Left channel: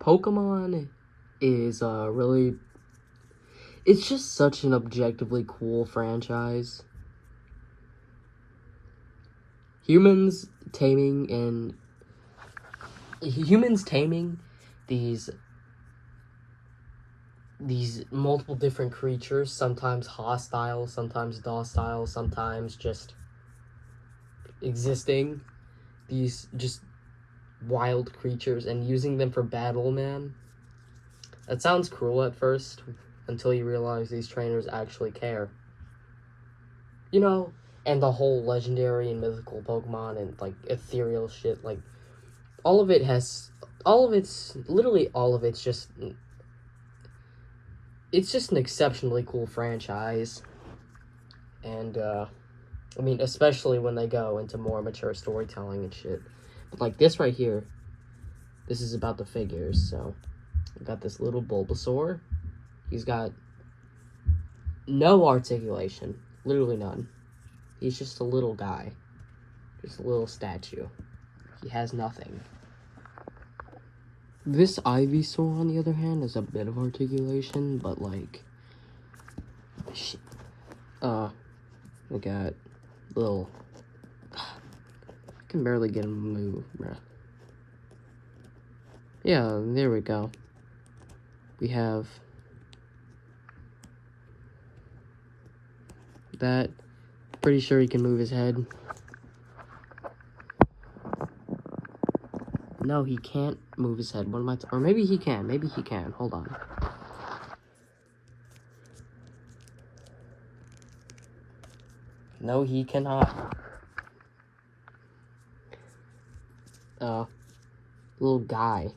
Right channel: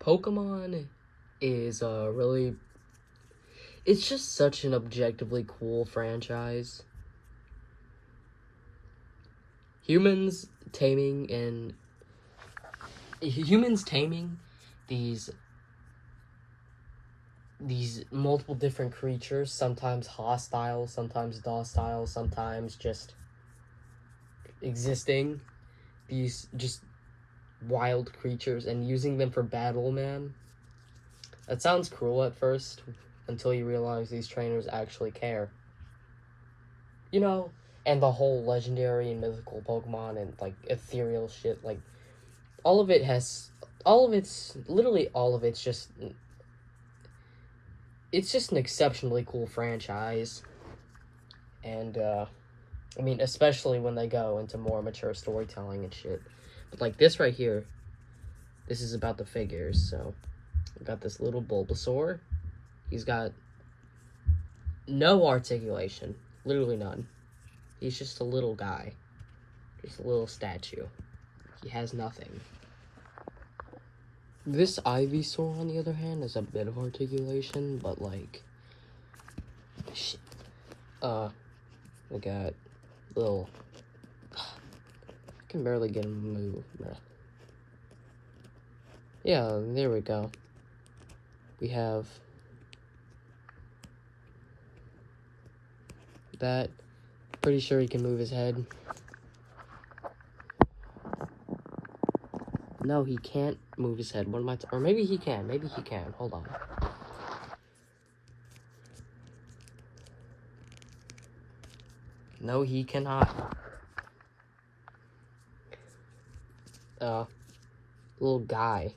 Pokemon is really, it's just such an objectively cool franchise. Humans taming these multiple different creatures, sometimes hostile, sometimes docile, sometimes just existing, these just wild creatures, and using them for battle, man. That sounds cruel at first, until you realize these trainers actually care. You know, and the whole legendary and mythical Pokemon and, like, ethereal shit, like, literally all of it's just, it's just an exceptionally cool franchise. And, I mean, especially when they go into more mature storytelling and shit. But, like, this right here, this is about the figures, so we got this little Bulbasaur. He's got no articulation, literally none. He's just a little guy, just a little statue. He has nothing. This Ivysaur, on the other hand, has a bit of articulation, but, like, shit. We got little, I can barely get him to move, bruh. Yeah, there we go. We have that. Pretty sure he can move his head. No, he can't move his head. What am I? Or maybe he can. Maybe he can. Hold on. No, he cannot. Little guy.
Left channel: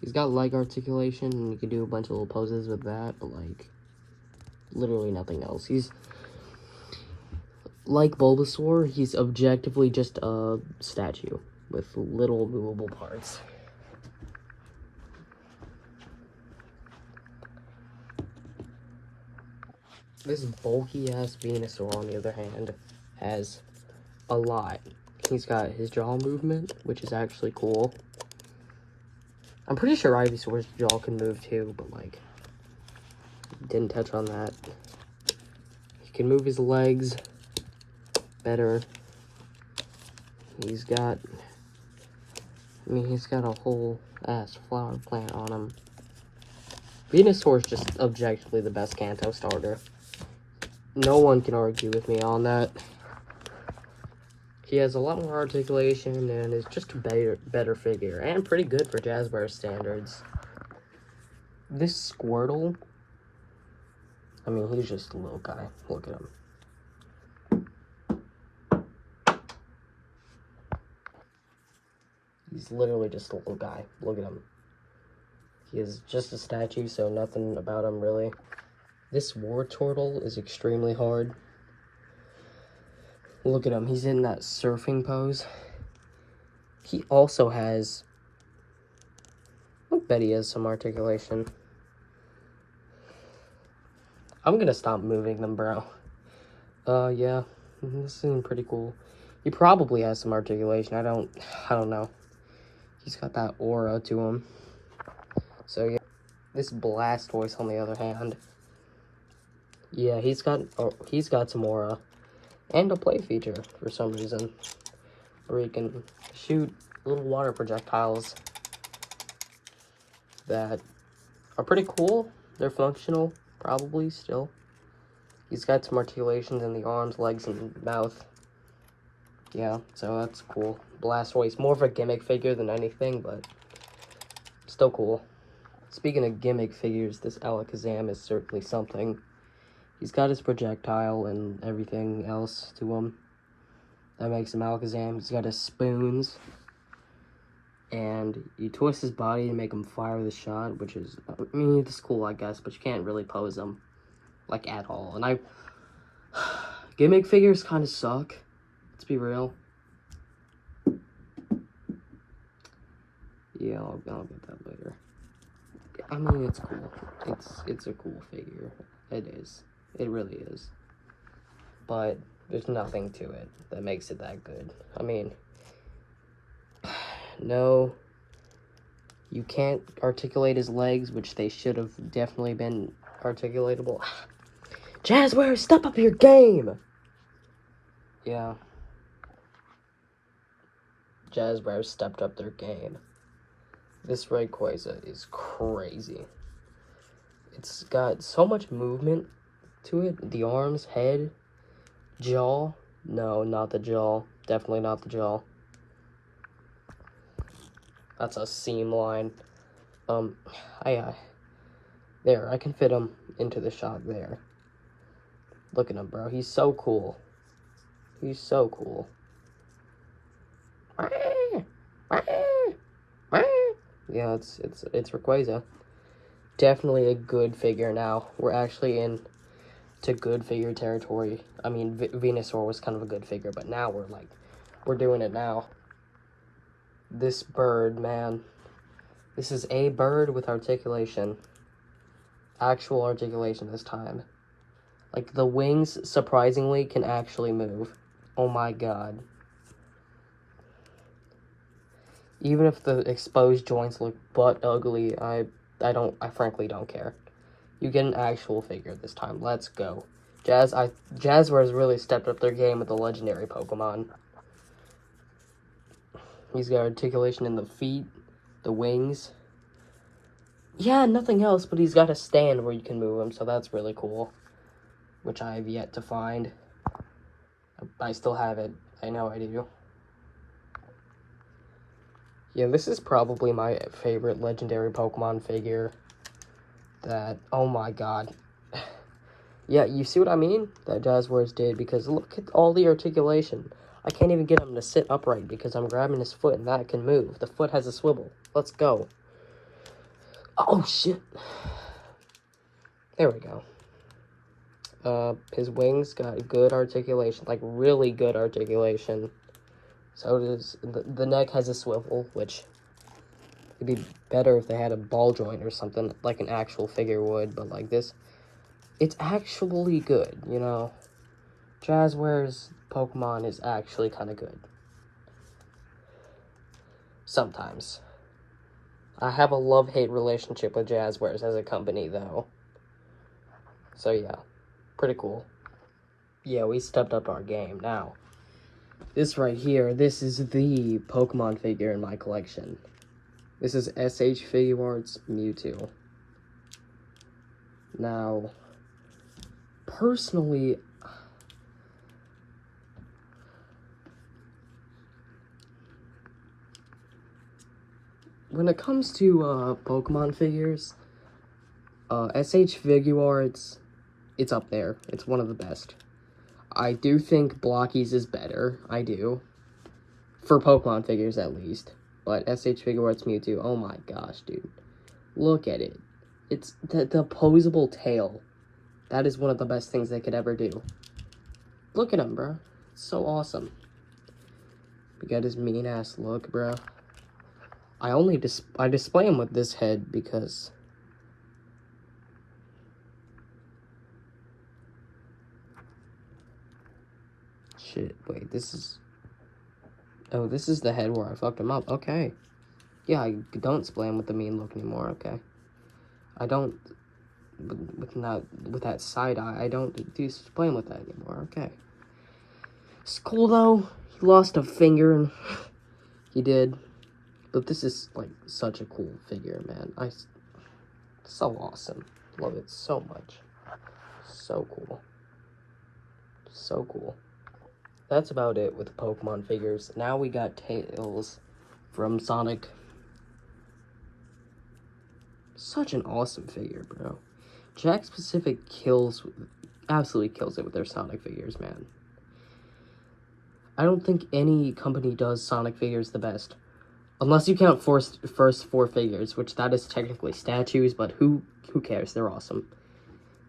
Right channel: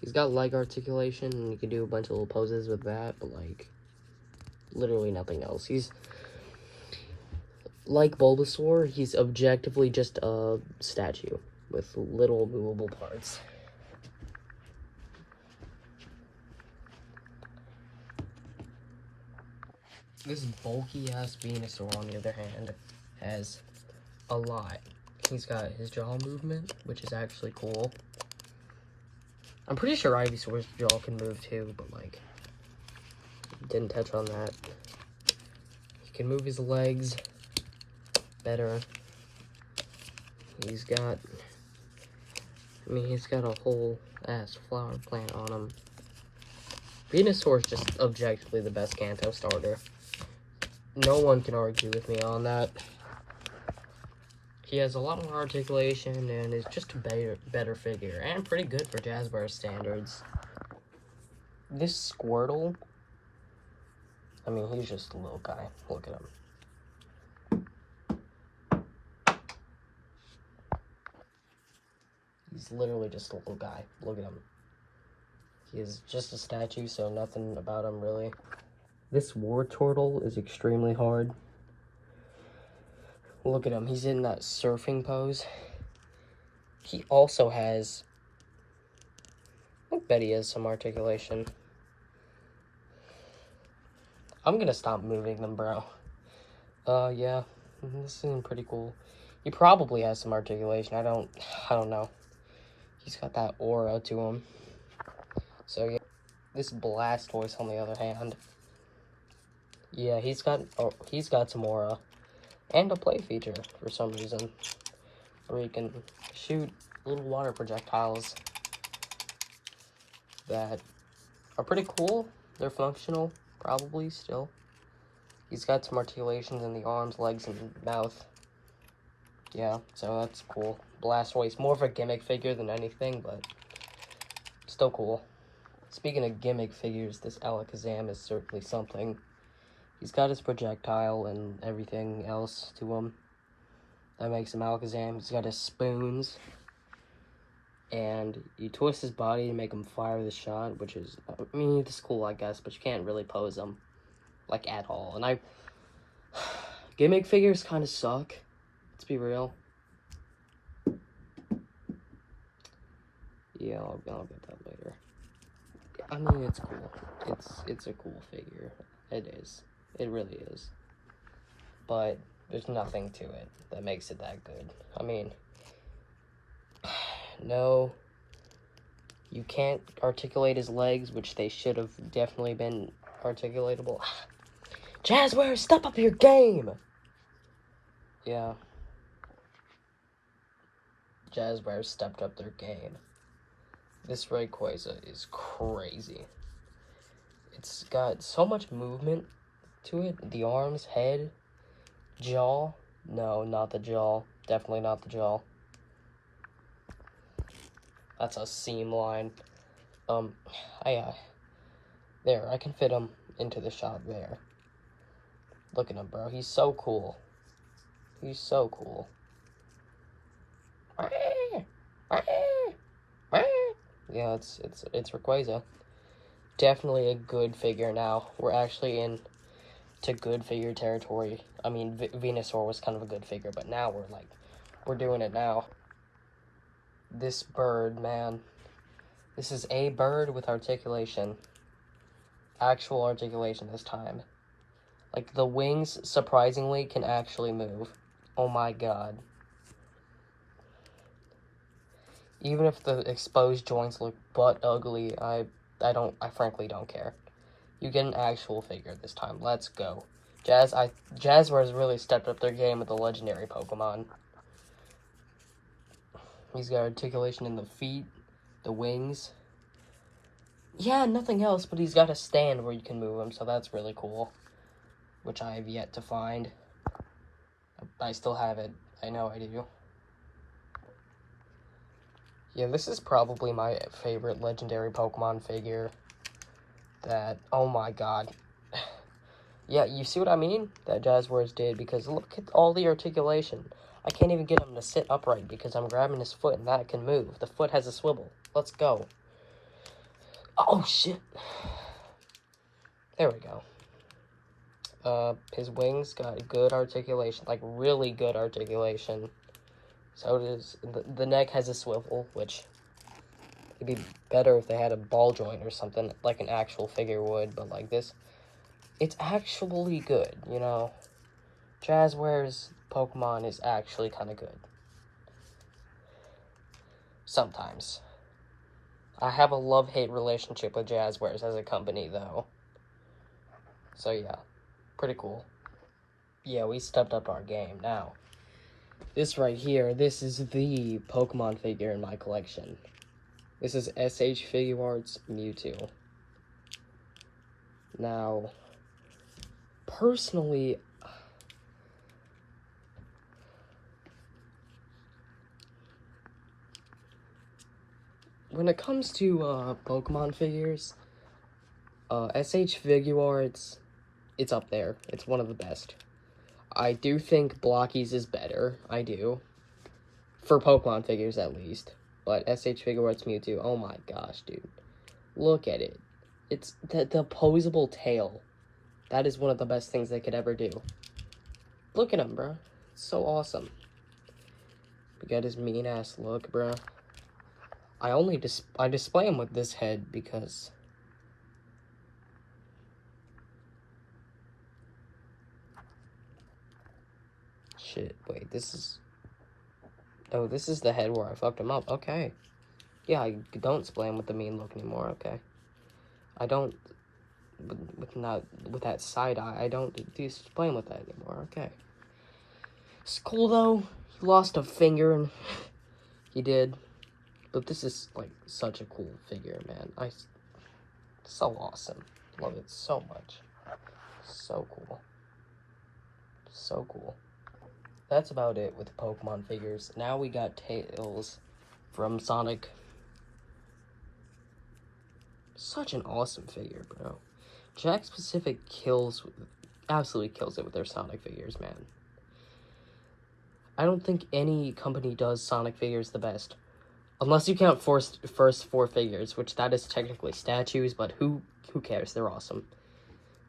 He's got leg articulation, and you can do a bunch of little poses with that, but, like, literally nothing else. He's, like Bulbasaur, he's objectively just a statue with little movable parts. This bulky-ass Venusaur, on the other hand, has a lot. He's got his jaw movement, which is actually cool. I'm pretty sure Ivysaur's jaw can move too, but, like, didn't touch on that. He can move his legs better. He's got a whole ass flower plant on him. Venusaur's just objectively the best Kanto starter. No one can argue with me on that. He has a lot more articulation and is just a better figure, and pretty good for Jazzware standards. This Squirtle, I mean, he's just a little guy. Look at him. He's literally just a little guy. Look at him. He is just a statue, so nothing about him really. This Wartortle is extremely hard. Look at him. He's in that surfing pose. He also has, I bet he has some articulation. I'm gonna stop moving them, bro. Yeah. This is pretty cool. He probably has some articulation. I don't know. He's got that aura to him. So, yeah. This Blastoise, on the other hand, yeah, he's got some aura. And a play feature, for some reason, where you can shoot little water projectiles that are pretty cool. They're functional, probably, still. He's got some articulations in the arms, legs, and mouth. Yeah, so that's cool. Blastoise, more of a gimmick figure than anything, but still cool. Speaking of gimmick figures, this Alakazam is certainly something. He's got his projectile and everything else to him that makes him Alakazam. He's got his spoons, and you twist his body to make him fire the shot, which is, I mean, it's cool, I guess, but you can't really pose him, like, at all. And gimmick figures kind of suck, let's be real. Yeah, I'll get that later. I mean, it's cool. It's a cool figure. It is. It really is. But there's nothing to it that makes it that good. I mean, no, You can't articulate his legs, which they should have definitely been articulatable. Jazzwares, step up your game! Yeah. Jazzwares stepped up their game. This Rayquaza is crazy. It's got so much movement to it. The arms, head, jaw. No, not the jaw. Definitely not the jaw. That's a seam line. There, I can fit him into the shot there. Look at him, bro. He's so cool. He's so cool. Yeah, it's Rayquaza. Definitely a good figure now. We're actually in to good figure territory. I mean, Venusaur was kind of a good figure, but now we're doing it now. This bird, man. This is a bird with articulation. Actual articulation this time. Like, the wings, surprisingly, can actually move. Oh my god. Even if the exposed joints look butt ugly, I frankly don't care. You get an actual figure this time. Let's go. Jazzwares really stepped up their game with the legendary Pokemon. He's got articulation in the feet, the wings. Yeah, nothing else, but he's got a stand where you can move him, so that's really cool. Which I have yet to find. I still have it. I know I do. Yeah, this is probably my favorite legendary Pokemon figure. That, oh my god. Yeah, you see what I mean? That Jazzwares did, because look at all the articulation. I can't even get him to sit upright because I'm grabbing his foot and that can move. The foot has a swivel. Let's go. Oh, shit. There we go. His wings got good articulation, like really good articulation. So does the neck has a swivel, which would be better if they had a ball joint or something like an actual figure would, but like this, it's actually good, you know. Jazzwares Pokemon is actually kind of good. Sometimes. I have a love-hate relationship with Jazzwares as a company, though. So yeah, pretty cool. Yeah, we stepped up our game. Now, this right here, this is the Pokemon figure in my collection. This is SH Figuarts Mewtwo. Now, personally, when it comes to Pokemon figures, SH Figuarts, it's up there. It's one of the best. I do think Blocky's is better. I do. For Pokemon figures, at least. But SH Figuarts Mewtwo, oh my gosh, dude. Look at it. It's the opposable tail. That is one of the best things they could ever do. Look at him, bro. It's so awesome. We got his mean-ass look, bro. I display him with this head because... Shit, wait, this is... Oh, this is the head where I fucked him up. Okay. Yeah, I don't display him with the mean look anymore, okay. I don't... With that side eye, I don't display him with that anymore, okay. It's cool, though. He lost a finger, and... He did. But this is, like, such a cool figure, man. So awesome. Love it so much. So cool. So cool. That's about it with Pokemon figures. Now we got Tails from Sonic. Such an awesome figure, bro. Jakks Pacific absolutely kills it with their Sonic figures, man. I don't think any company does Sonic figures the best. Unless you count first four figures, which that is technically statues, but who cares? They're awesome.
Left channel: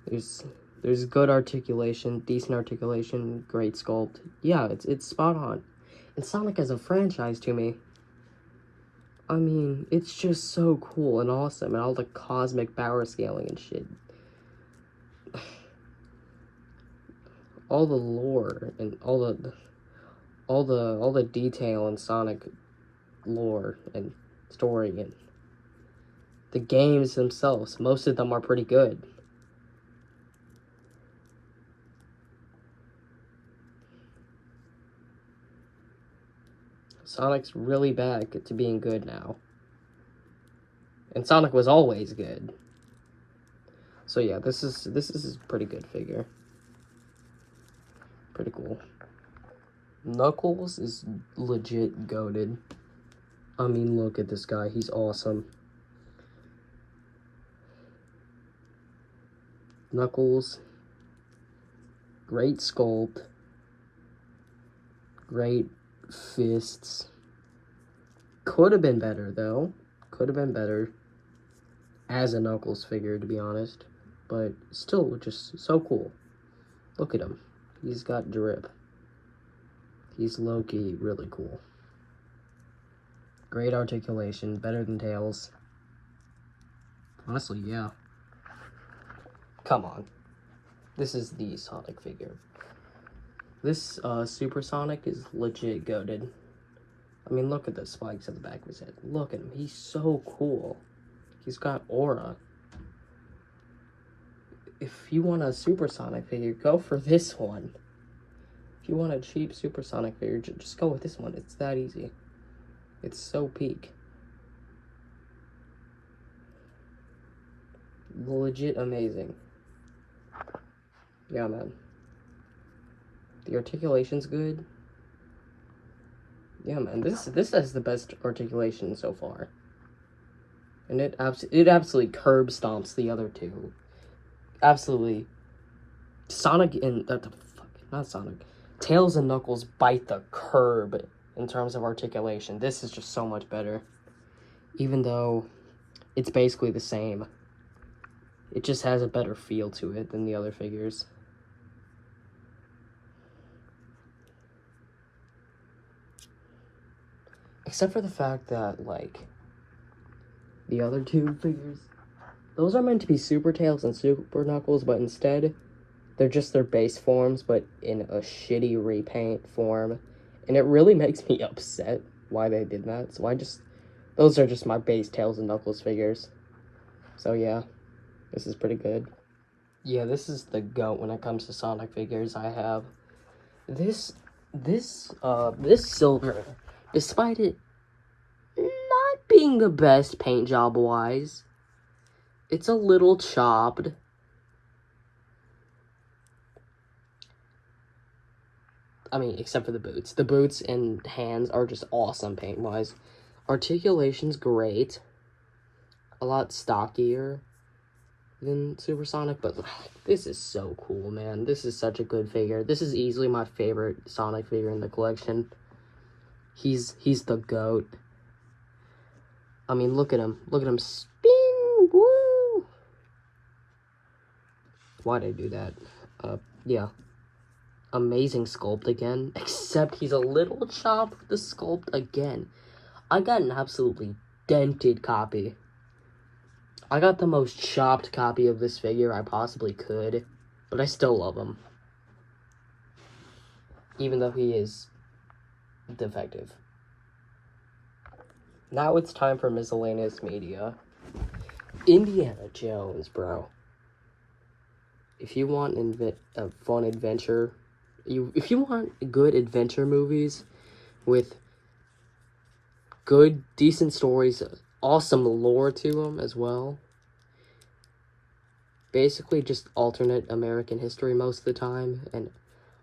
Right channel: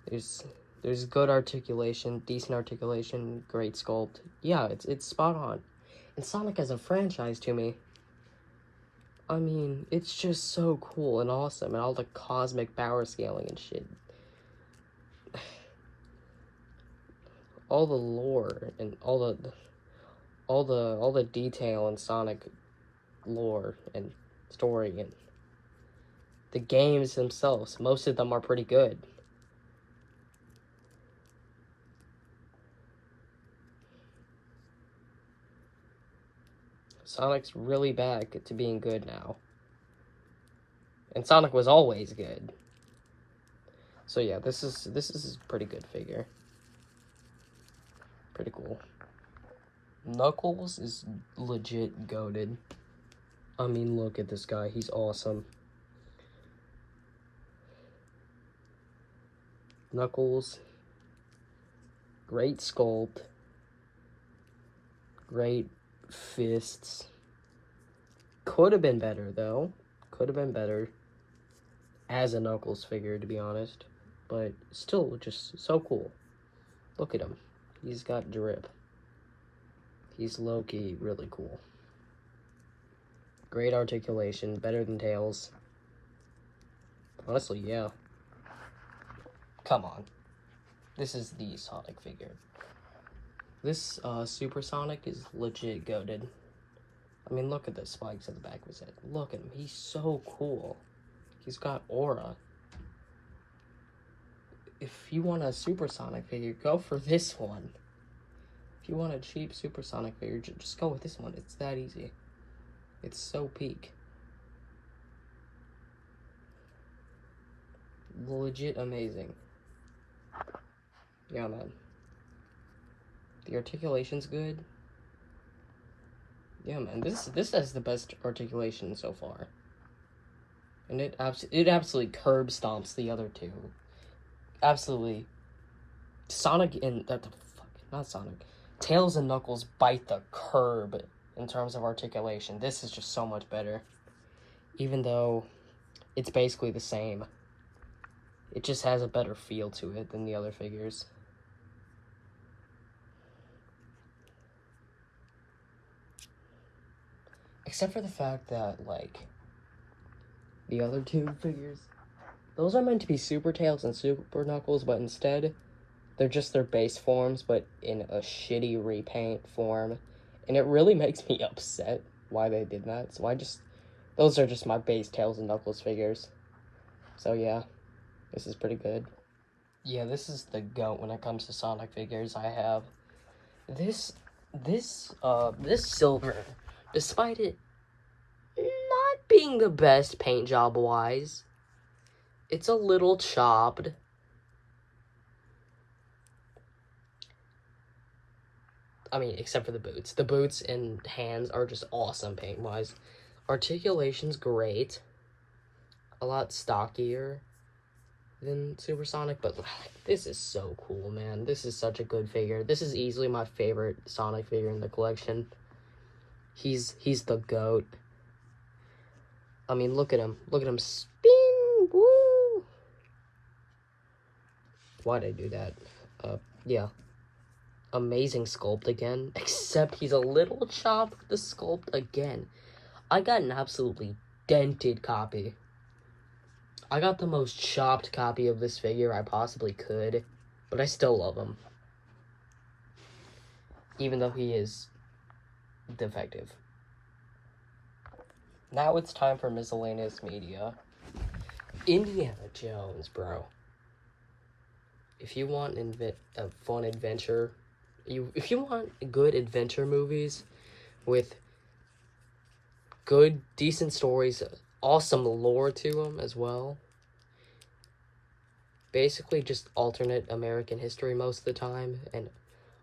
There's good articulation, decent articulation, great sculpt. Yeah, it's spot on. And Sonic as a franchise to me, I mean, it's just so cool and awesome, and all the cosmic power scaling and shit. All the lore and all the detail in Sonic lore and story, and The games themselves, most of them are pretty good. Sonic's really back to being good now. And Sonic was always good. So yeah, this is a pretty good figure. Pretty cool. Knuckles is legit goated. I mean, look at this guy. He's awesome. Knuckles. Great sculpt. Great fists. Could have been better, though. Could have been better as a Knuckles figure, to be honest. But still, just so cool. Look at him. He's got drip. He's low-key really cool. Great articulation, better than Tails. Honestly, yeah. Come on. This is the Sonic figure. This Super Sonic is legit goated. I mean, look at the spikes at the back of his head. Look at him. He's so cool. He's got aura. If you want a Super Sonic figure, go for this one. If you want a cheap Super Sonic figure, just go with this one. It's that easy. It's so peak. Legit amazing. Yeah, man. The articulation's good. Yeah, man. This has the best articulation so far. And it absolutely curb stomps the other two. Absolutely. Sonic and not Sonic. Tails and Knuckles bite the curb in terms of articulation. This is just so much better. Even though it's basically the same. It just has a better feel to it than the other figures. Except for the fact that, like, the other two figures, those are meant to be Super Tails and Super Knuckles, but instead, they're just their base forms, but in a shitty repaint form. And it really makes me upset why they did that. So those are just my base Tails and Knuckles figures. So yeah, this is pretty good. Yeah, this is the GOAT when it comes to Sonic figures I have. This silver, despite it not being the best paint job wise, it's a little chopped. I mean, except for the boots. The boots and hands are just awesome paint-wise. Articulation's great. A lot stockier than Supersonic, but this is so cool, man. This is such a good figure. This is easily my favorite Sonic figure in the collection. He's the GOAT. I mean, look at him. Look at him spin. Woo! Why'd I do that? Yeah. Amazing sculpt again, except he's a little chopped the sculpt again. I got an absolutely dented copy. I got the most chopped copy of this figure I possibly could, but I still love him. Even though he is defective. Now it's time for miscellaneous media. Indiana Jones, bro. If you want a fun adventure, if you want good adventure movies with good, decent stories, awesome lore to them as well, basically just alternate American history most of the time, and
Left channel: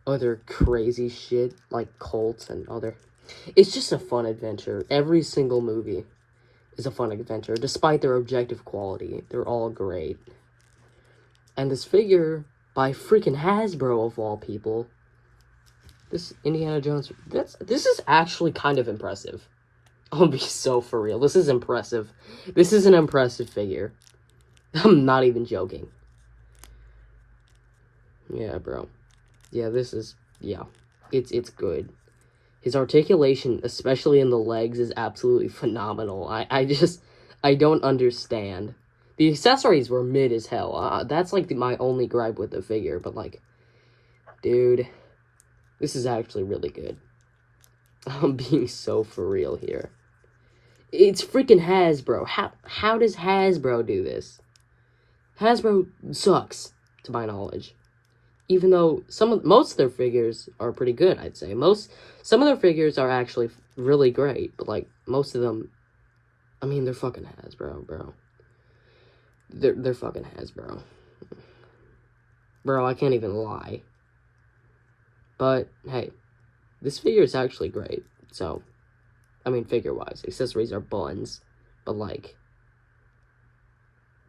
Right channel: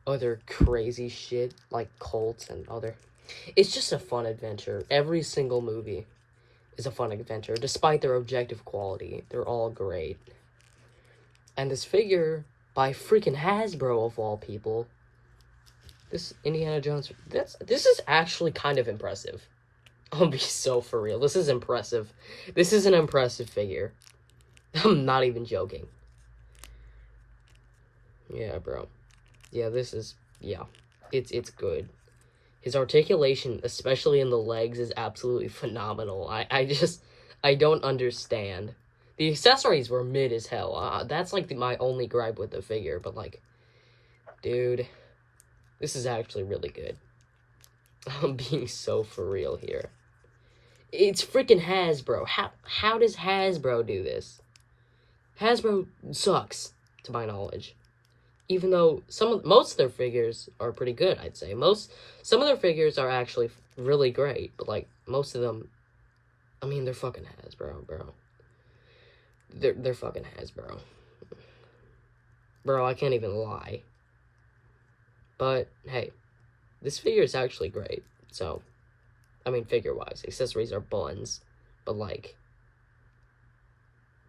other crazy shit like cults and other... It's just a fun adventure. Every single movie is a fun adventure, despite their objective quality. They're all great. And this figure, by freaking Hasbro of all people, this Indiana Jones, this is actually kind of impressive. I'll be so for real. This is impressive. This is an impressive figure. I'm not even joking. Yeah, bro. Yeah, this is, yeah. It's good. His articulation, especially in the legs, is absolutely phenomenal. I don't understand. The accessories were mid as hell. That's, like, my only gripe with the figure. But, like, dude, this is actually really good. I'm being so for real here. It's freaking Hasbro. How does Hasbro do this? Hasbro sucks, to my knowledge. Even though most of their figures are pretty good, I'd say. Some of their figures are actually really great, but like most of them, I mean, they're fucking Hasbro, bro. They're fucking Hasbro. Bro, I can't even lie. But hey, this figure is actually great. So, I mean, figure-wise, accessories are buns, but like,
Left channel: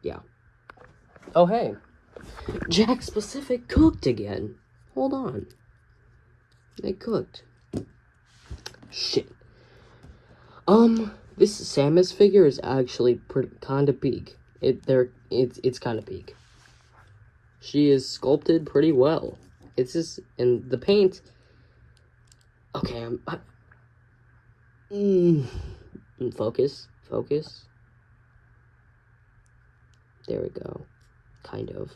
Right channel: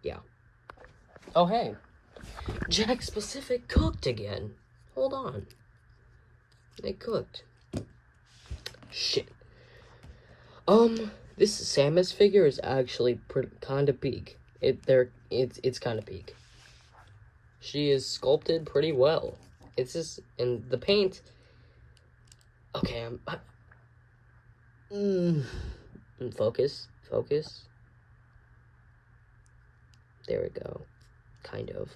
yeah. Oh hey, Jakks Pacific cooked again. Hold on, they cooked. Shit. This Samus figure is actually kind of peak. It's kind of peak. She is sculpted pretty well. It's just, and the paint. Okay, focus. There we go. Kind of.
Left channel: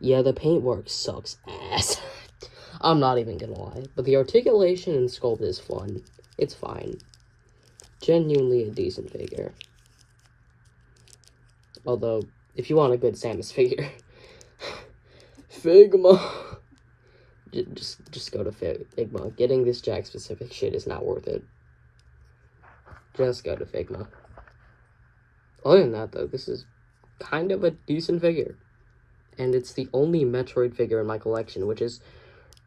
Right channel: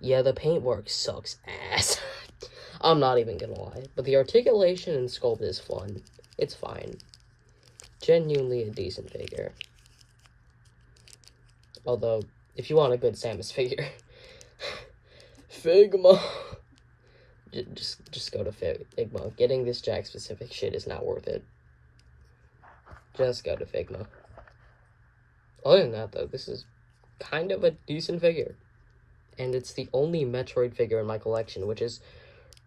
Yeah, the paintwork sucks ass. I'm not even gonna lie. But the articulation and sculpt is fun. It's fine. Genuinely a decent figure. Although, if you want a good Samus figure, Figma. Just go to Figma. Getting this Jakks Pacific shit is not worth it. Just go to Figma. Other than that, though, this is kind of a decent figure. And it's the only Metroid figure in my collection, which is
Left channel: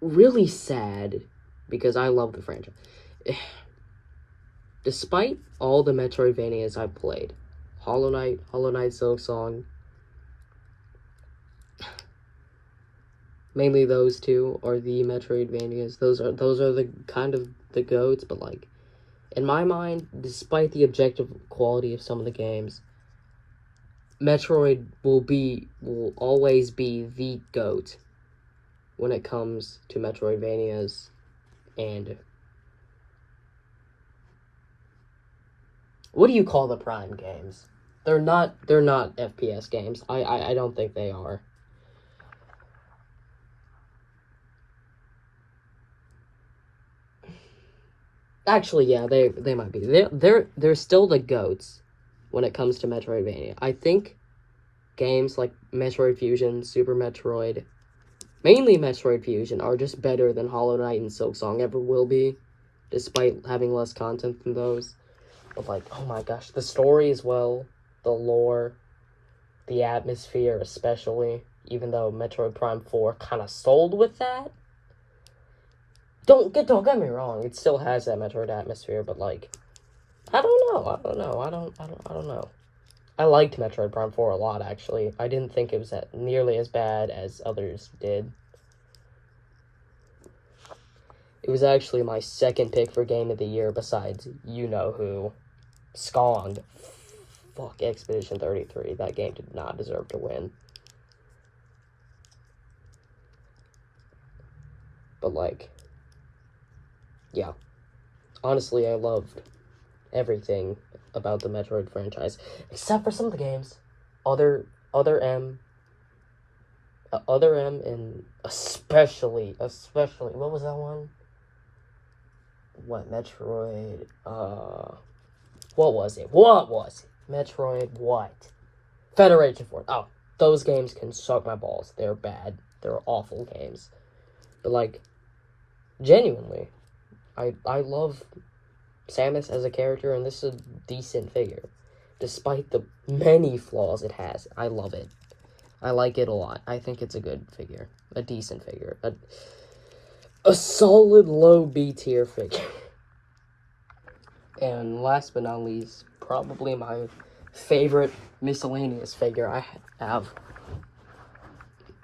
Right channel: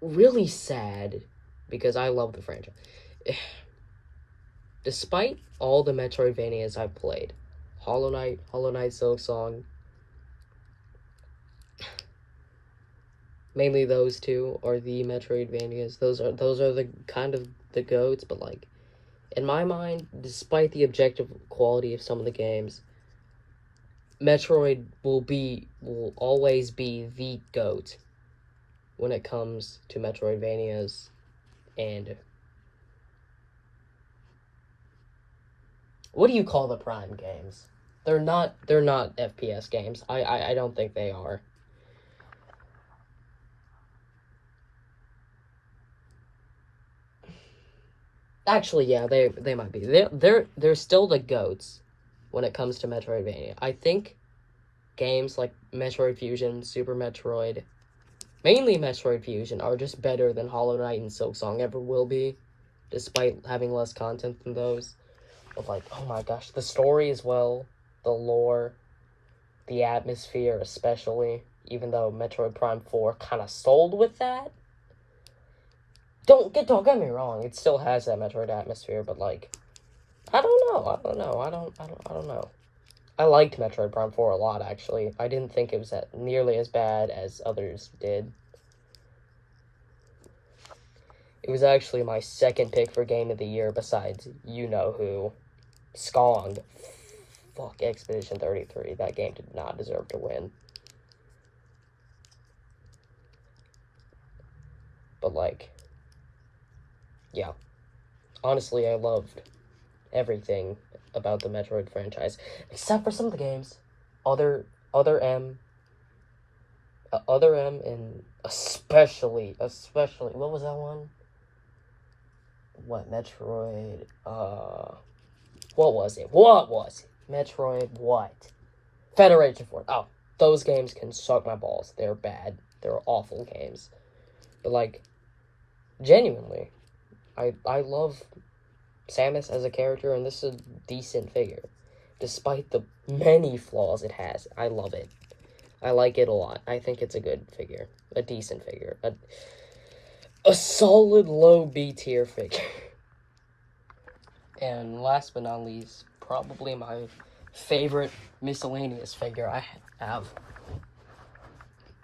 really sad, because I love the franchise. Despite all the Metroidvanias I've played, Hollow Knight, Silksong, mainly those two are the Metroidvanias. Those are the kind of the GOATs, but like, in my mind, despite the objective quality of some of the games, Metroid will always be the GOAT when it comes to Metroidvanias. And what do you call the Prime games? They're not FPS games. I don't think they are. Actually, yeah, they might be. They're still the GOATs when it comes to Metroidvania. I think games like Metroid Fusion, Super Metroid, mainly Metroid Fusion, are just better than Hollow Knight and Silksong ever will be, despite having less content than those. But like, oh my gosh, the story as well, the lore, the atmosphere especially, even though Metroid Prime 4 kind of sold with that. Don't get me wrong, it still has that Metroid atmosphere, but like, I don't know. I liked Metroid Prime 4 a lot, actually. I didn't think it was nearly as bad as others did. It was actually my second pick for Game of the Year besides you-know-who. Scond. Fuck, Expedition 33. That game did not deserve to win. But like, yeah. Honestly, I loved everything about the Metroid franchise, except for some of the games. Other M, and especially, what was that one? What, Metroid, what was it? Metroid what? Federation Force. Oh, those games can suck my balls. They're bad. They're awful games. But like, genuinely, I love Samus as a character, and this is a decent figure. Despite the many flaws it has, I love it. I like it a lot. I think it's a good figure. A decent figure. A solid low B tier figure. And last but not least, probably my favorite miscellaneous figure I have.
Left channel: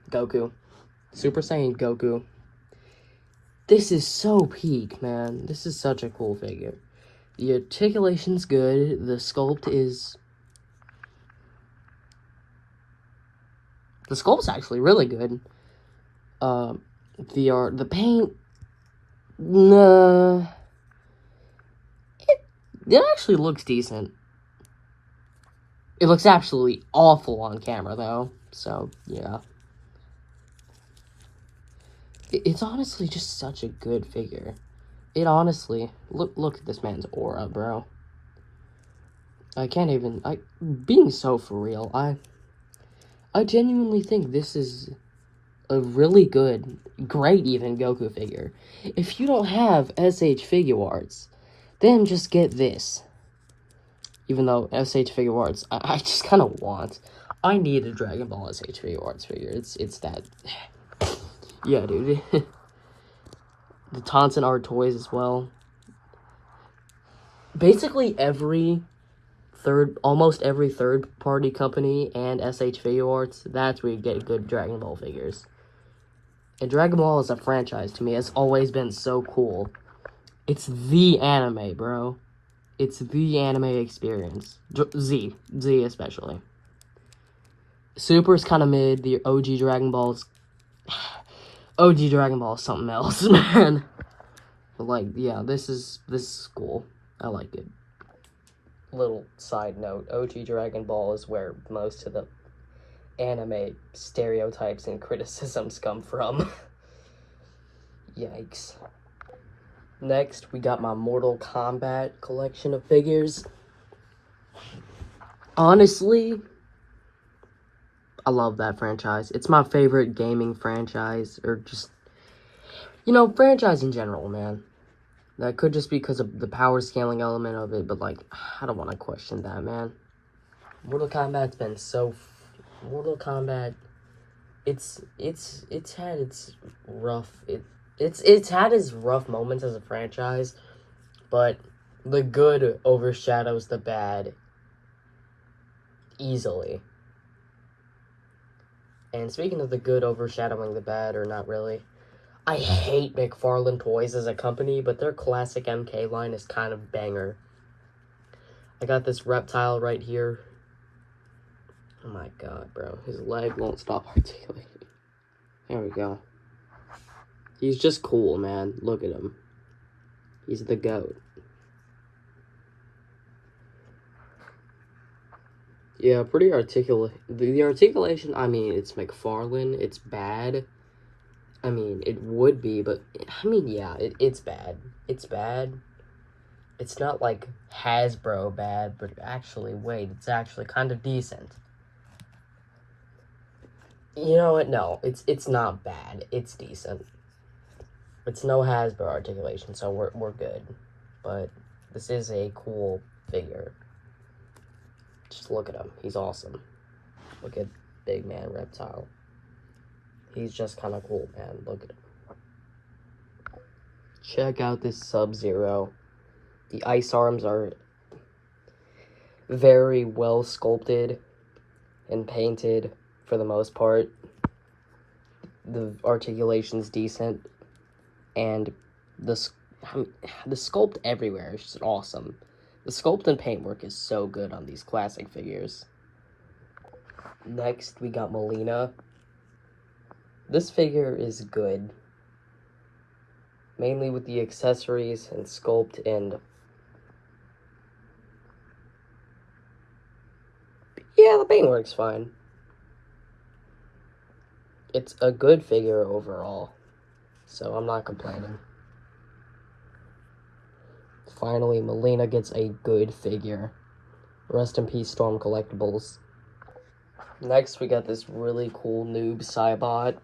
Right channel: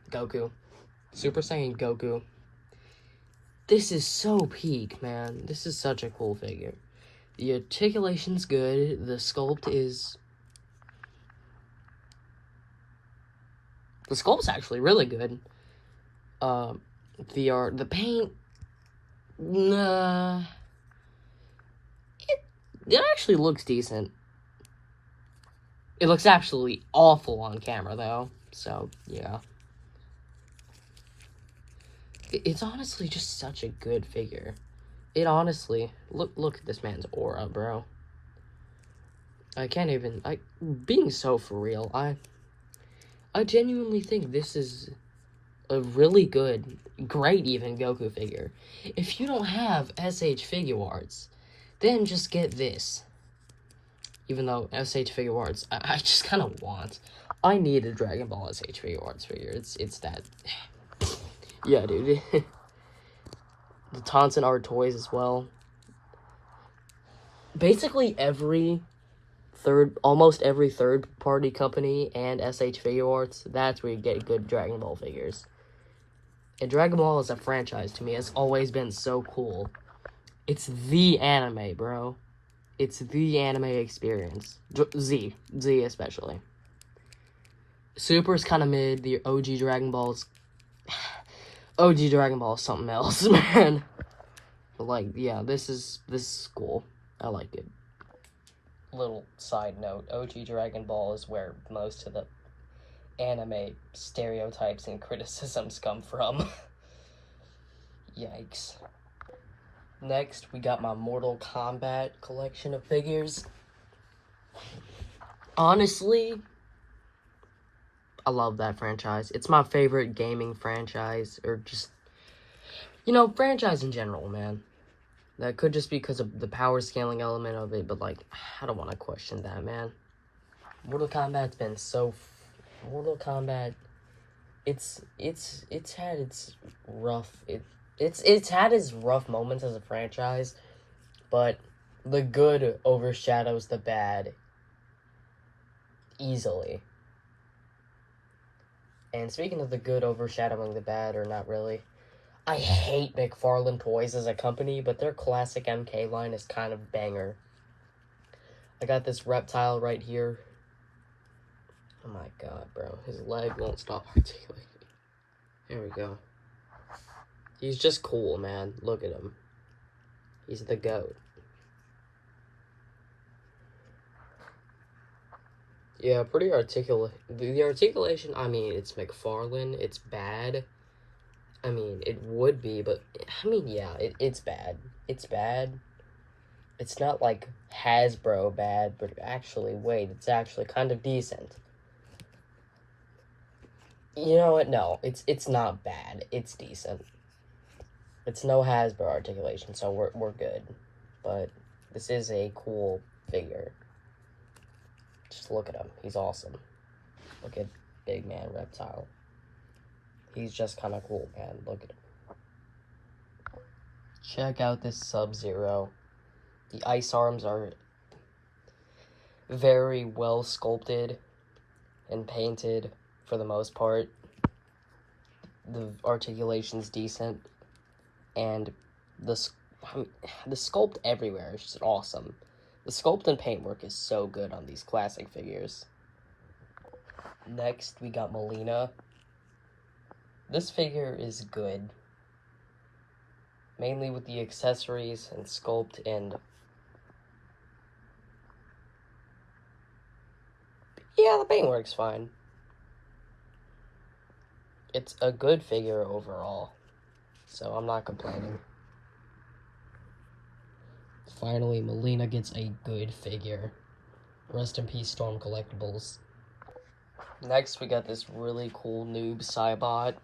Goku. Super Saiyan Goku. This is so peak, man. This is such a cool figure. The articulation's good. The sculpt is... The sculpt's actually really good. The paint... It actually looks decent. It looks absolutely awful on camera, though. So, yeah. It's honestly just such a good figure. It honestly, look at this man's aura, bro. I can't even, being so for real, I genuinely think this is a really good, great even Goku figure. If you don't have SH Figuarts, then just get this. Even though SH Figuarts, I just kind of want. I need a Dragon Ball SH Figuarts figure. It's that. Yeah, dude. The Tauntaun Art toys as well. Basically almost every third-party company and SH Figuarts, that's where you get good Dragon Ball figures. And Dragon Ball as a franchise, to me, has always been so cool. It's the anime, bro. It's the anime experience. Z especially. Super's kind of mid. The OG Dragon Ball's... OG Dragon Ball is something else, man. But, like, yeah, this is cool. I like it. Little side note, OG Dragon Ball is where most of the anime stereotypes and criticisms come from. Yikes. Next, we got my Mortal Kombat collection of figures. Honestly, I love that franchise. It's my favorite gaming franchise, or just, franchise in general, man. That could just be because of the power scaling element of it, but, like, I don't want to question that, man. Mortal Kombat's been so... Mortal Kombat, it's had its rough... It's had its rough moments as a franchise, but the good overshadows the bad easily. And speaking of the good overshadowing the bad, or not really, I hate McFarlane Toys as a company, but their classic MK line is kind of banger. I got this reptile right here. Oh my god, bro. His leg won't stop articulating. There we go. He's just cool, man. Look at him. He's the GOAT. Yeah, pretty articulate. The articulation, I mean, it's McFarlane. It's bad. I mean, it would be, but, I mean, yeah, it's bad. It's bad. It's not, like, Hasbro bad, but actually, wait, it's actually kind of decent. You know what? No, it's not bad. It's decent. It's no Hasbro articulation, so we're good. But this is a cool figure. Just look at him. He's awesome. Look at Big Man Reptile. He's just kind of cool, man. Look at him. Check out this Sub-Zero. The ice arms are very well sculpted and painted for the most part. The articulation's decent, and the sculpt everywhere is just awesome. The sculpt and paintwork is so good on these classic figures. Next, we got Mileena. This figure is good, mainly with the accessories and sculpt, and yeah, the paintwork's fine. It's a good figure overall, so I'm not complaining. Finally, Mileena gets a good figure. Rest in peace, Storm Collectibles. Next, we got this really cool Noob Saibot.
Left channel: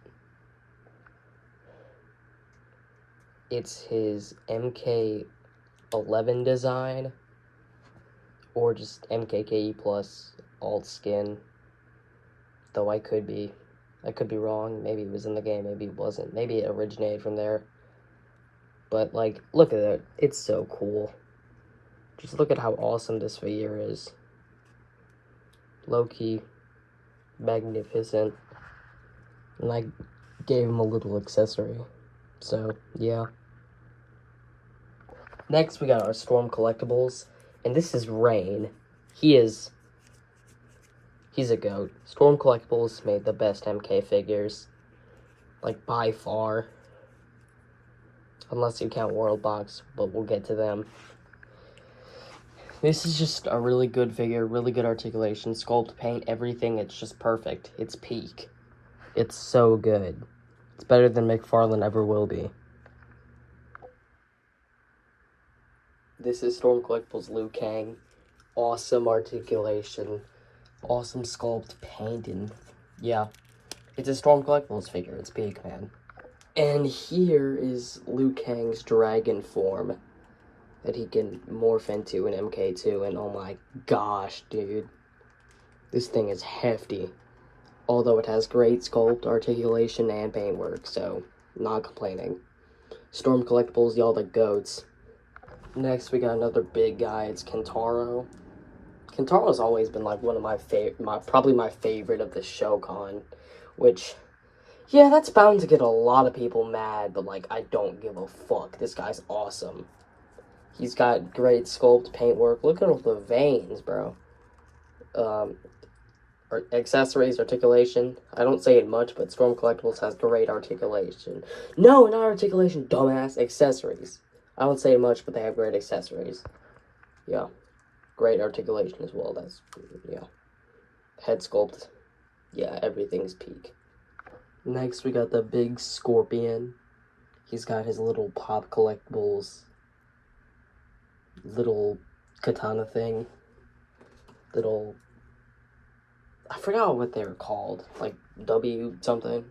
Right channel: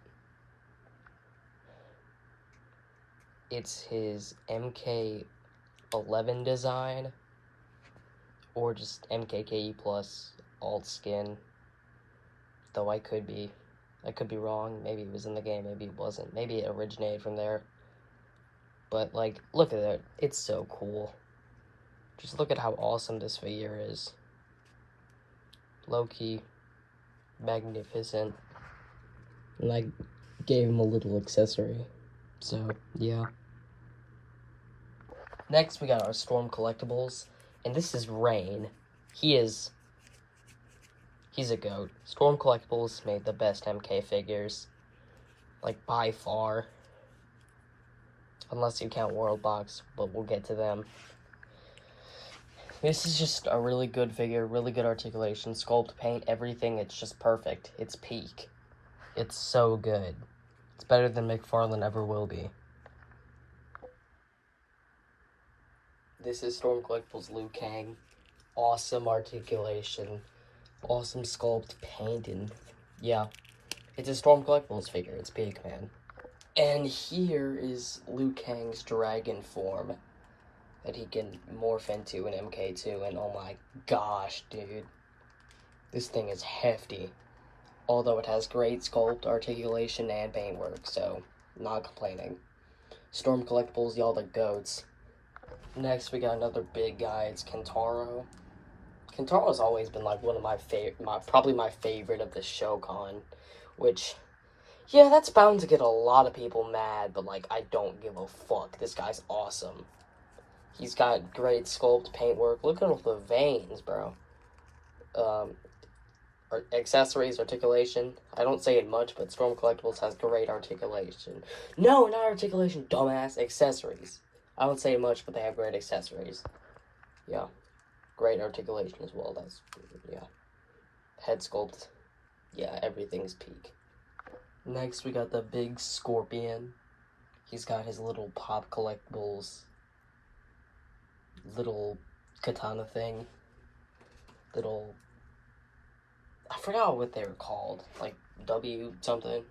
It's his MK11 design, or just MKKE plus alt skin. Though I could be wrong. Maybe it was in the game, maybe it wasn't. Maybe it originated from there. But, like, look at it. It's so cool. Just look at how awesome this figure is. Low-key magnificent. And I gave him a little accessory. So, yeah. Next, we got our Storm Collectibles. And this is Rain. He's a GOAT. Storm Collectibles made the best MK figures. Like, by far. Unless you count World Box, but we'll get to them. This is just a really good figure, really good articulation, sculpt, paint, everything. It's just perfect. It's peak. It's so good. It's better than McFarlane ever will be. This is Storm Collectibles Liu Kang. Awesome articulation. Awesome sculpt, paint, and yeah. It's a Storm Collectibles figure. It's big, man. And here is Liu Kang's dragon form that he can morph into in MK2. And oh my gosh, dude. This thing is hefty. Although it has great sculpt, articulation, and paintwork, so not complaining. Storm Collectibles, y'all the goats. Next, we got another big guy. It's Kentaro. Kentaro's always been like one of my probably my favorite of the Shokan, which, yeah, that's bound to get a lot of people mad, but like I don't give a fuck. This guy's awesome. He's got great sculpt, paintwork. Look at all the veins, bro. Accessories, articulation. I don't say it much, but Storm Collectibles has great articulation. No, not articulation, dumbass. Accessories. I don't say it much, but they have great accessories. Yeah. Great articulation as well. That's, yeah. Head sculpt. Yeah, everything's peak. Next, we got the big Scorpion. He's got his little Pop Collectibles little katana thing. Little... I forgot what they were called. Like, W something.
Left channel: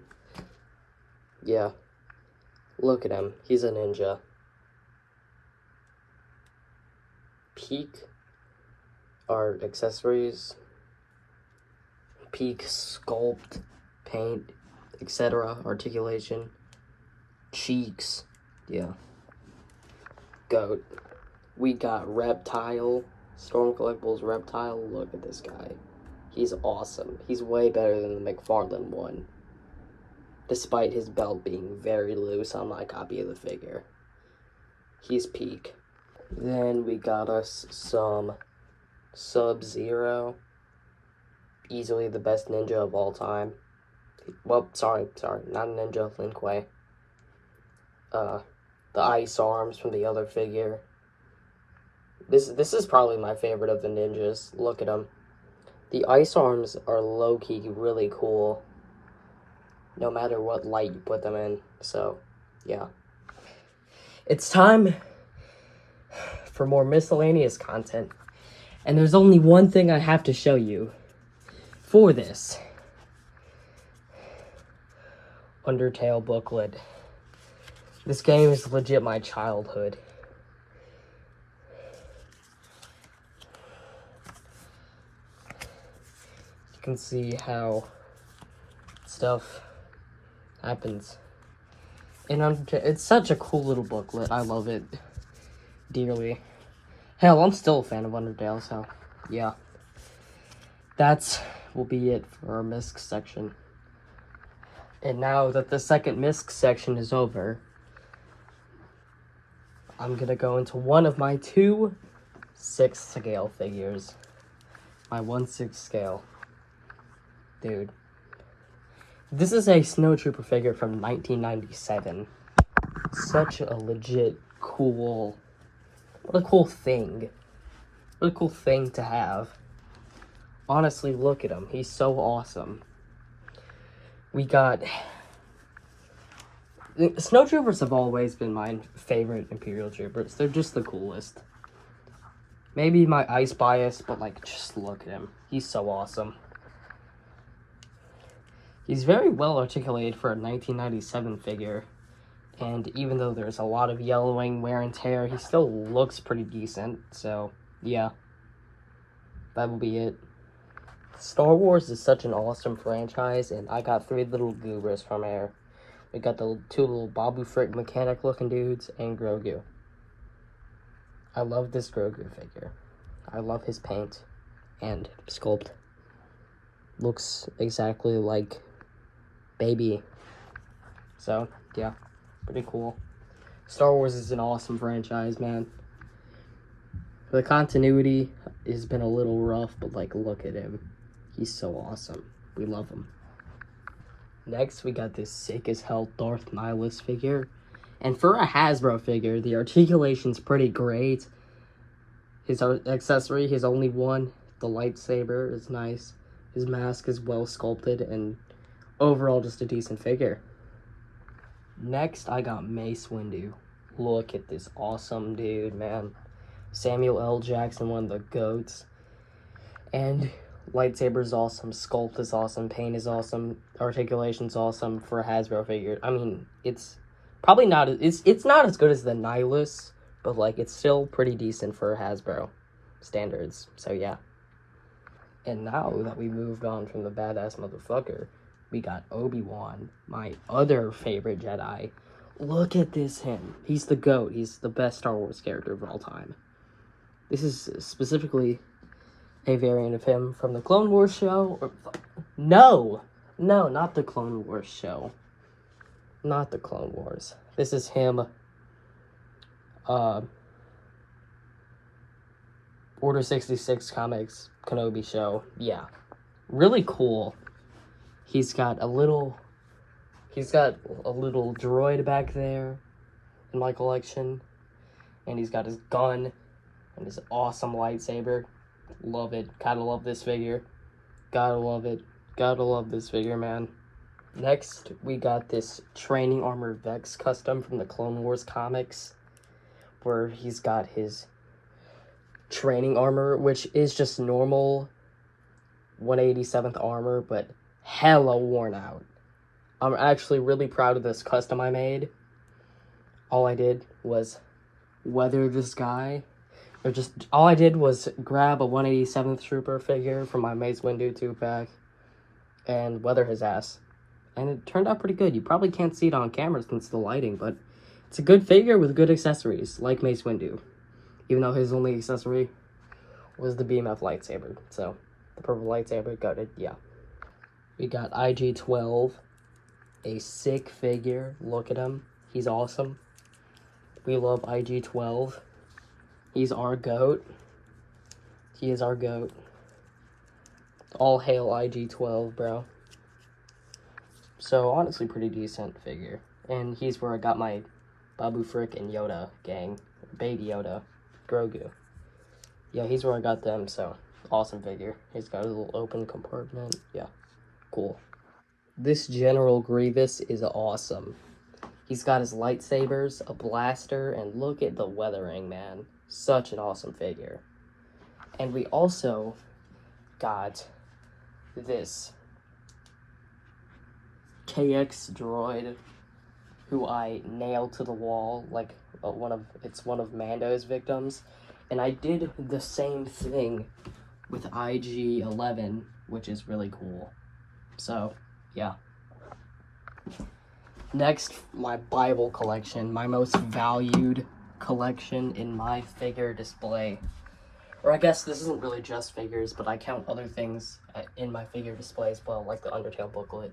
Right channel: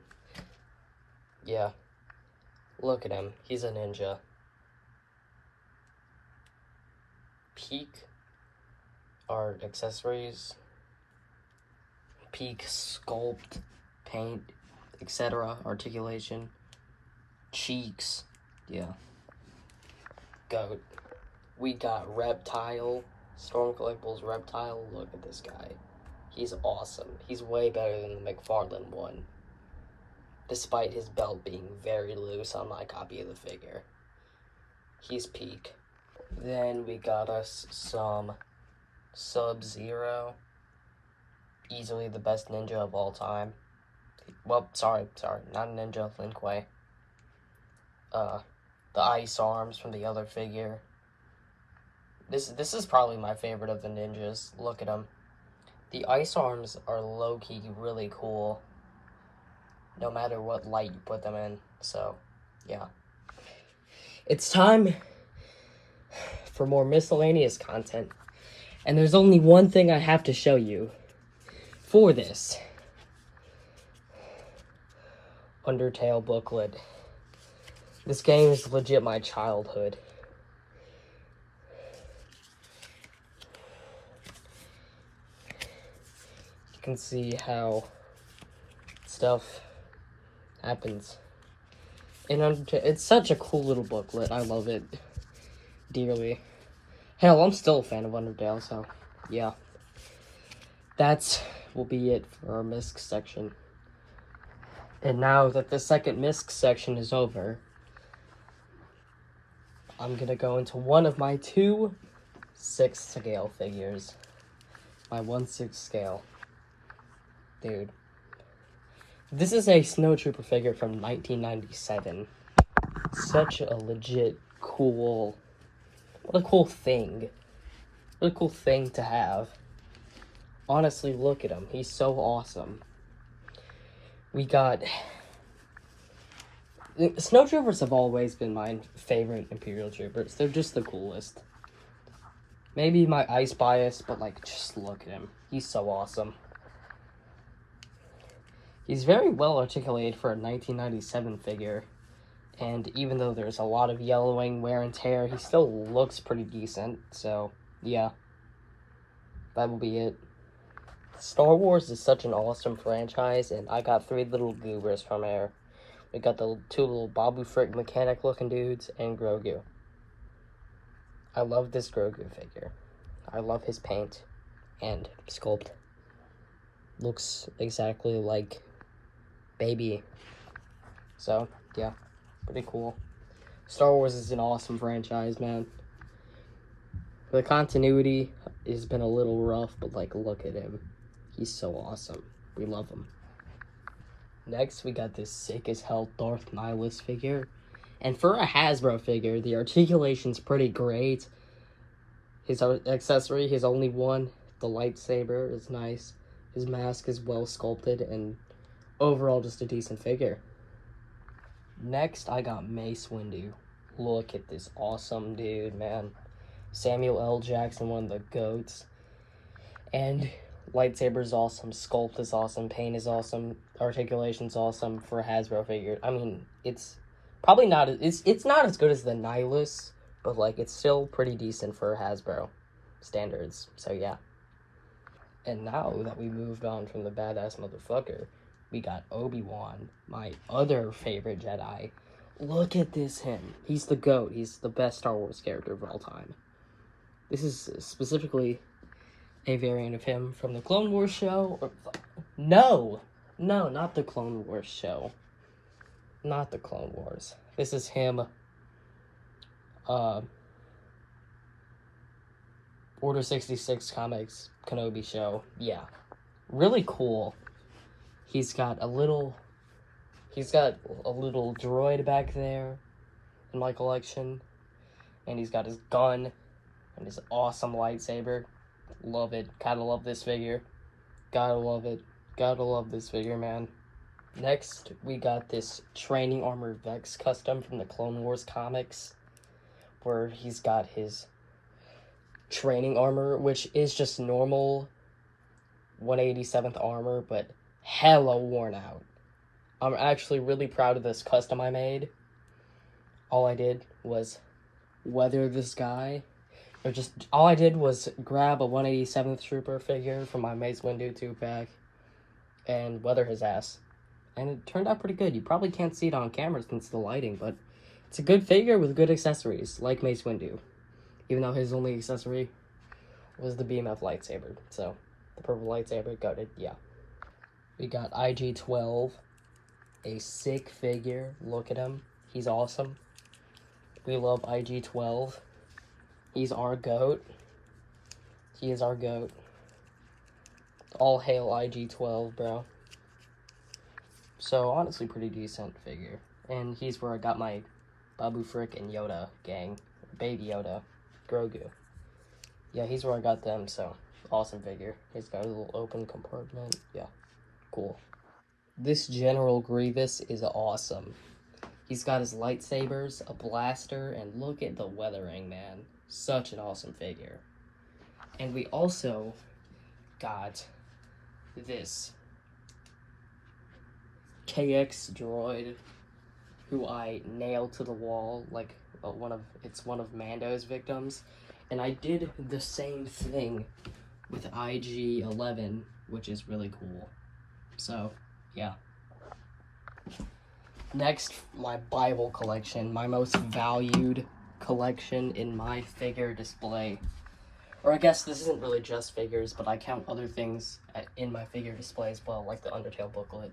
Yeah. Look at him. He's a ninja. Peak are accessories. Peak sculpt, paint, etc. Articulation. Cheeks. Yeah. Goat. We got Reptile. Storm Collectibles Reptile. Look at this guy. He's awesome. He's way better than the McFarlane one, despite his belt being very loose on my copy of the figure. He's peak. Then we got us some Sub-Zero. Easily the best ninja of all time. Well, sorry, not ninja, Lin Kuei. The ice arms from the other figure. This is probably my favorite of the ninjas. Look at him. The ice arms are low-key really cool, no matter what light you put them in, so, yeah. It's time for more miscellaneous content, and there's only one thing I have to show you for this. Undertale booklet. This game is legit my childhood. Can see how stuff happens. And it's such a cool little booklet. I love it dearly. Hell, I'm still a fan of Undertale, so yeah. That's will be it for our MISC section. And now that the second MISC section is over, I'm gonna go into one of my 2/6 scale figures. My 1/6 scale. Dude. This is a Snowtrooper figure from 1997. Such a legit cool... What a cool thing. What a cool thing to have. Honestly, look at him. He's so awesome. We got... Snowtroopers have always been my favorite Imperial Troopers. They're just the coolest. Maybe my ice bias, but like, just look at him. He's so awesome. He's very well articulated for a 1997 figure, and even though there's a lot of yellowing, wear and tear, he still looks pretty decent, so, yeah. That'll be it. Star Wars is such an awesome franchise, and I got 3 little goobers from here. We got the 2 little Babu Frick mechanic-looking dudes, and Grogu. I love this Grogu figure. I love his paint and sculpt. Looks exactly like Baby. So, yeah, pretty cool. Star Wars is an awesome franchise, man. The continuity has been a little rough, but, like, look at him. He's so awesome. We love him. Next, we got this sick as hell Darth Nihilus figure. And for a Hasbro figure, the articulation's pretty great. His accessory, his only one, the lightsaber, is nice. His mask is well sculpted, and overall just a decent figure. Next, I got Mace Windu. Look at this awesome dude, man. Samuel L. Jackson, one of the GOATs. And lightsaber is awesome, sculpt is awesome, paint is awesome, articulation's awesome for a Hasbro figure. I mean, it's probably not, it's not as good as the Nihilus, but like, it's still pretty decent for Hasbro standards, so yeah. And now that we moved on from the badass motherfucker, we got Obi-Wan, my other favorite Jedi. Look at this him. He's the GOAT. He's the best Star Wars character of all time. This is specifically a variant of him from the Clone Wars show. No, not the Clone Wars show. Not the Clone Wars. This is him, Order 66 Comics Kenobi show. Yeah, really cool. He's got a little droid back there in my collection, and he's got his gun and his awesome lightsaber. Love it. Gotta love this figure. Gotta love it. Gotta love this figure, man. Next, we got this training armor Vex custom from the Clone Wars comics, where he's got his training armor, which is just normal 187th armor, but hella worn out. I'm actually really proud of this custom I made. All I did was weather this guy. All I did was grab a 187th Trooper figure from my Mace Windu 2-pack and weather his ass. And it turned out pretty good. You probably can't see it on camera since the lighting, but it's a good figure with good accessories, like Mace Windu. Even though his only accessory was the BMF lightsaber. So, the purple lightsaber, got it, yeah. We got IG-12, a sick figure. Look at him. He's awesome. We love IG-12. He's our GOAT. He is our GOAT. All hail IG-12, bro. So, honestly, pretty decent figure. And he's where I got my Babu Frick and Yoda gang. Baby Yoda. Grogu. Yeah, he's where I got them, so awesome figure. He's got a little open compartment. Yeah, cool. This General Grievous is awesome. He's got his lightsabers, a blaster, and look at the weathering, man. Such an awesome figure. And we also got this KX droid, who I nailed to the wall, like it's one of Mando's victims. And I did the same thing with IG-11, which is really cool. So, yeah. Next, my Bible collection, my most valued collection in my figure display. Or I guess this isn't really just figures, but I count other things in my figure display as well, like the Undertale booklet.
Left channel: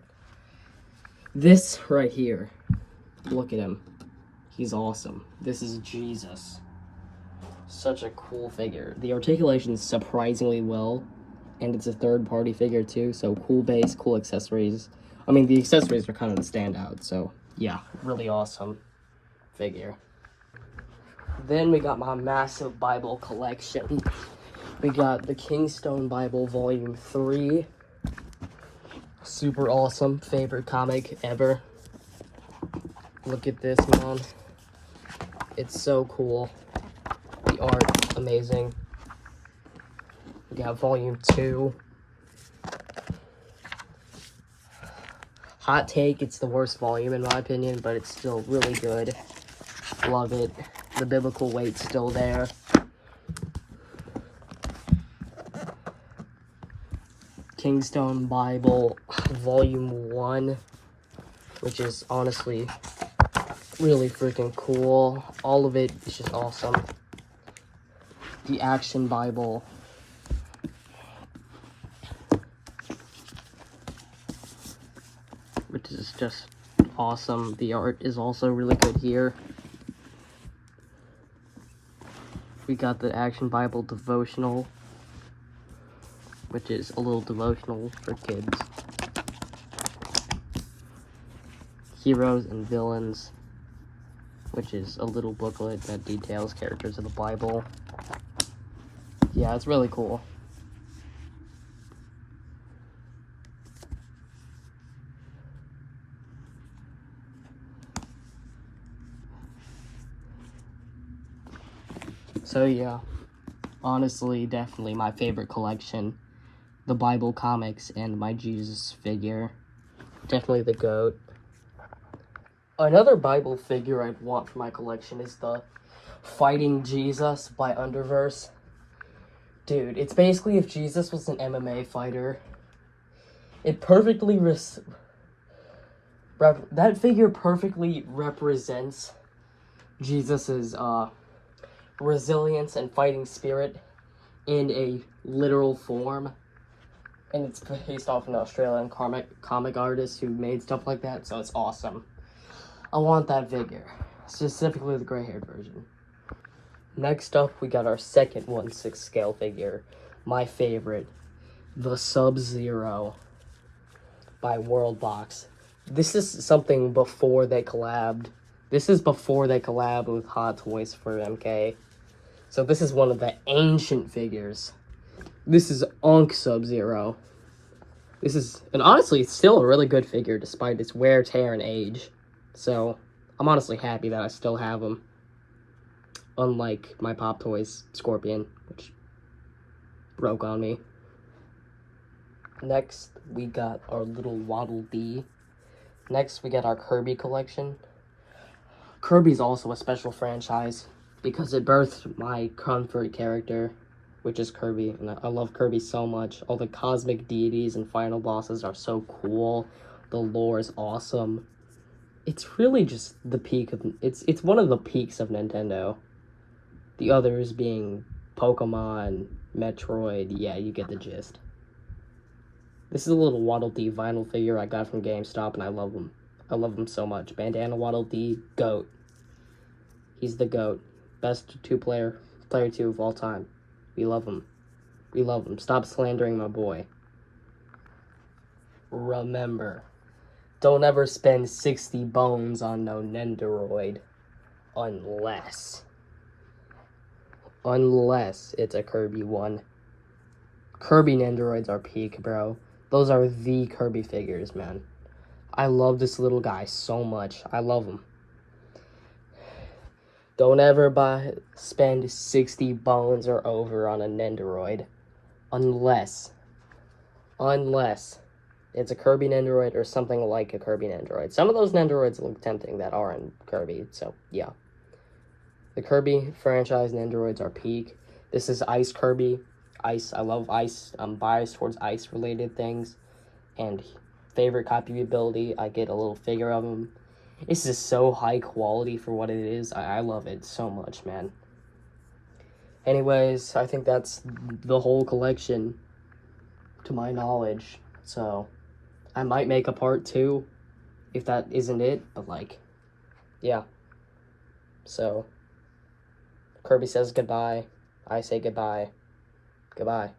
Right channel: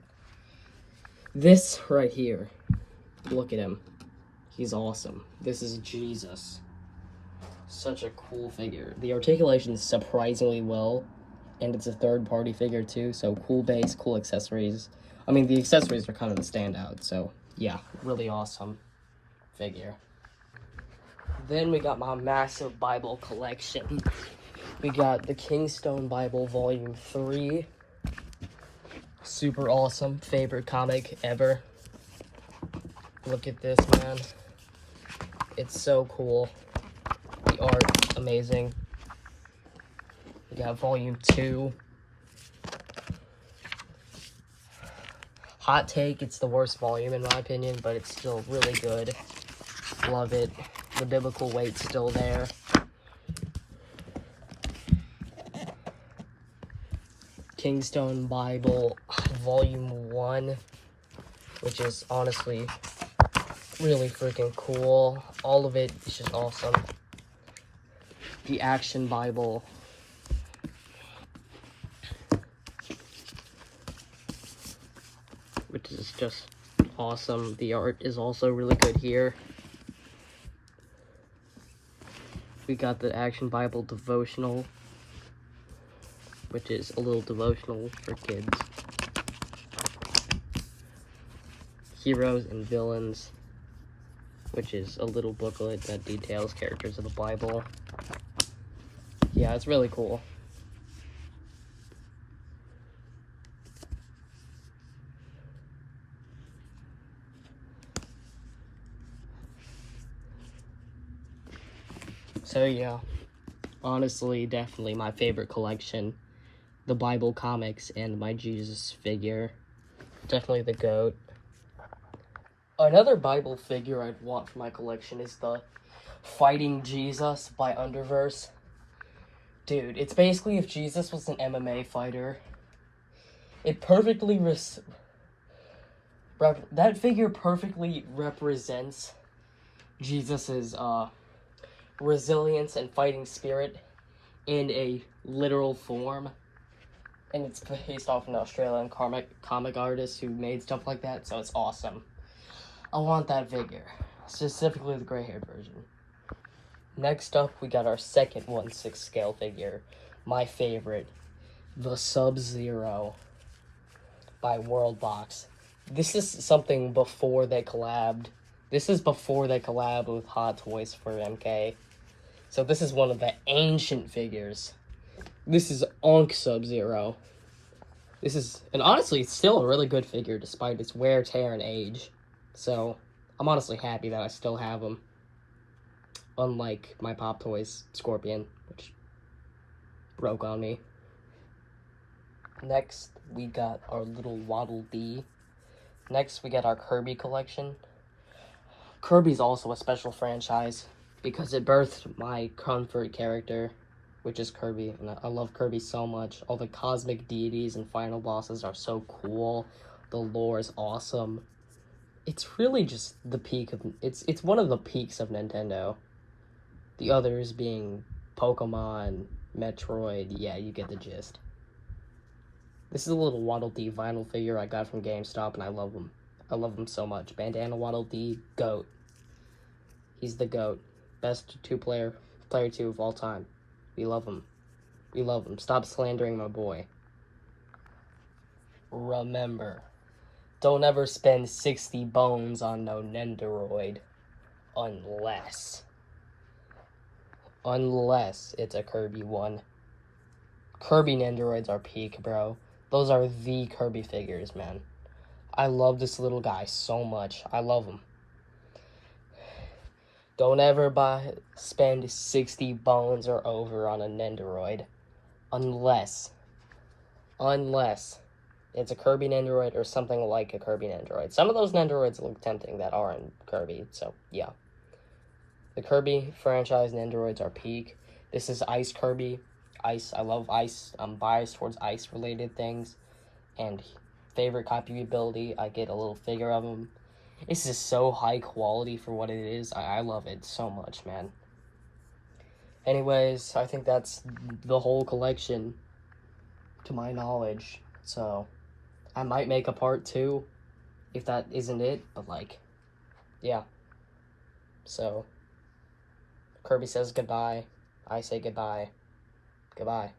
This right here, look at him. He's awesome. This is Jesus. Such a cool figure. The articulation is surprisingly well, and it's a third-party figure too, so cool base, cool accessories. I mean, the accessories are kind of the standout, so yeah, really awesome figure. Then we got my massive Bible collection. We got the Kingstone Bible Volume 3. Super awesome, favorite comic ever. Look at this, man. It's so cool. The art, amazing. We got Volume 2. Hot take, it's the worst volume in my opinion, but it's still really good. Love it. The biblical weight's still there. Kingstone Bible Volume 1, which is honestly really freaking cool. All of it is just awesome. The Action Bible. Which is just awesome. The art is also really good here. We got the Action Bible Devotional, which is a little devotional for kids. Heroes and Villains, which is a little booklet that details characters of the Bible. Yeah, it's really cool. So yeah, honestly, definitely my favorite collection. The Bible comics and my Jesus figure. Definitely the GOAT. Another Bible figure I'd want for my collection is the Fighting Jesus by Underverse. Dude, it's basically if Jesus was an MMA fighter. It perfectly that figure perfectly represents Jesus's resilience and fighting spirit in a literal form. And it's based off an Australian comic artist who made stuff like that, so it's awesome. I want that figure, specifically the gray-haired version. Next up, we got our second 1/6 scale figure, my favorite, the Sub-Zero by Worldbox. This is something before they collabed. This is before they collabed with Hot Toys for MK. So this is one of the ancient figures. This is Ankh Sub-Zero. And honestly, it's still a really good figure despite its wear, tear, and age. So, I'm honestly happy that I still have him. Unlike my Pop Toys Scorpion, which broke on me. Next, we got our little Waddle Dee. Next, we got our Kirby collection. Kirby's also a special franchise because it birthed my comfort character, which is Kirby, and I love Kirby so much. All the cosmic deities and final bosses are so cool. The lore is awesome. It's really just the peak of it's one of the peaks of Nintendo. The others being Pokemon, Metroid. Yeah, you get the gist. This is a little Waddle Dee vinyl figure I got from GameStop, and I love him. I love him so much. Bandana Waddle Dee, GOAT. He's the GOAT. Best player 2 of all time. We love him. We love him. Stop slandering my boy. Remember, don't ever spend 60 bones on no Nendoroid. Unless it's a Kirby one. Kirby Nendoroids are peak, bro. Those are the Kirby figures, man. I love this little guy so much. I love him. Don't ever spend 60 bones or over on a Nendoroid. Unless it's a Kirby Nendoroid or something like a Kirby Nendoroid. Some of those Nendoroids look tempting that aren't Kirby, so yeah. The Kirby franchise Nendoroids are peak. This is Ice Kirby. Ice, I love Ice. I'm biased towards Ice-related things. And favorite copy ability, I get a little figure of him. This is so high quality for what it is. I love it so much, man. Anyways, I think that's the whole collection, to my knowledge. So, I might make a part 2, if that isn't it. But, like, yeah. So, Kirby says goodbye. I say goodbye. Goodbye.